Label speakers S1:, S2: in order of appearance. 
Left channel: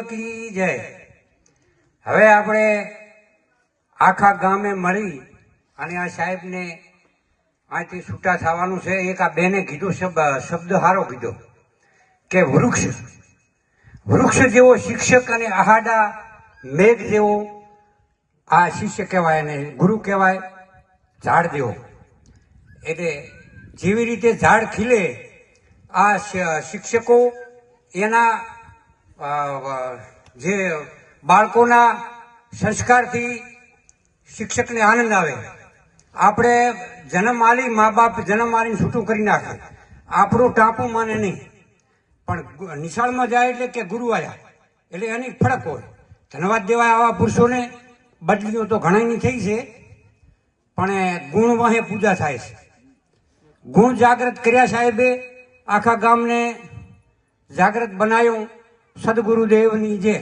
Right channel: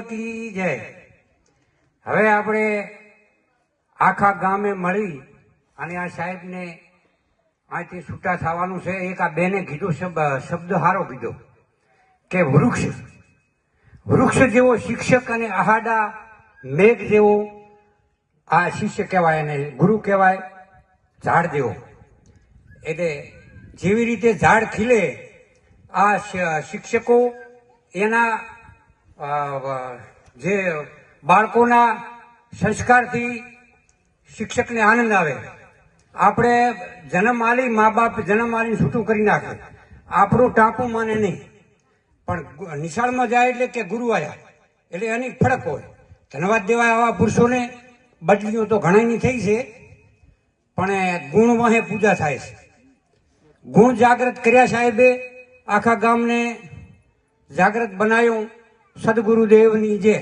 S1: કી જય. હવે આપણે આખા ગામે મળી અને આ સાહેબને આથી છૂટા થવાનું છે. એક આ બેને કીધું શબ્દ હારો કીધો કે વૃક્ષ વૃક્ષ જેવો શિક્ષક અને આહાડા મેઘ જેવો આ શિષ્ય કહેવાય અને ગુરુ કહેવાય ઝાડ જેવો. એટલે જેવી રીતે ઝાડ ખીલે આ શિક્ષકો એના જે બાળકોના સંસ્કારથી શિક્ષકને આનંદ આવે. આપણે જન્મ આલી મા બાપ જન્મ આલીને છૂટું કરી નાખે. આપણું ટાંપું માને નહીં. પણ નિશાળમાં જાય એટલે કે ગુરુ આવ્યા એટલે એની ફરક હોય. ધન્યવાદ દેવાય આવા પુરુષોને. બદલીઓ તો ઘણાની થઈ છે. પણ ગુણ વહે પૂજા થાય છે. ગુણ જાગૃત કર્યા સાહેબે આખા ગામને જાગૃત બનાવ્યું સદગુરુદેવની જે